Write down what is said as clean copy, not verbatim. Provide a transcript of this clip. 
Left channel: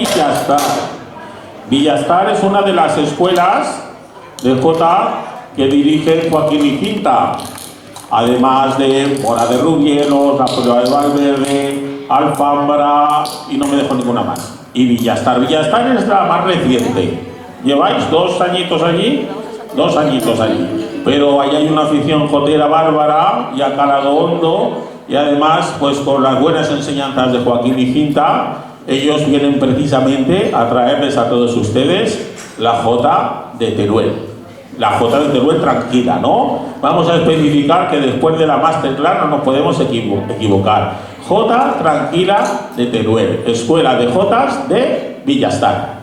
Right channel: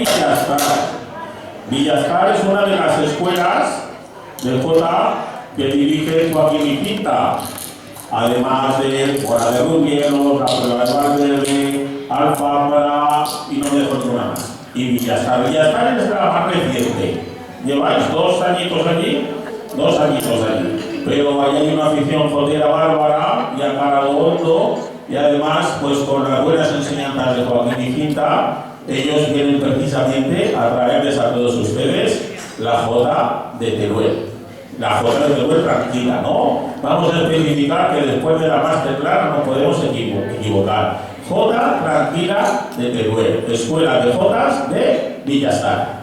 Villastar. Villastar es una de las escuelas de Jota que dirige Joaquín Icinta, además de Mora de Rubielos, La Prueba de Valverde, Alfambra y no me dejo ninguna más. Y Villastar. Villastar es la más reciente. ¿Lleváis 2 añitos allí? 2 añitos allí. Pero ahí hay una afición jotera bárbara y a calado hondo, y además, pues con las buenas enseñanzas de Joaquín Icinta, ellos vienen precisamente a traerles a todos ustedes la Jota de Teruel. La Jota de Teruel tranquila, ¿no? Vamos a especificar que después de la masterclass no nos podemos equivocar. Jota tranquila de Teruel, Escuela de Jotas de Villastar.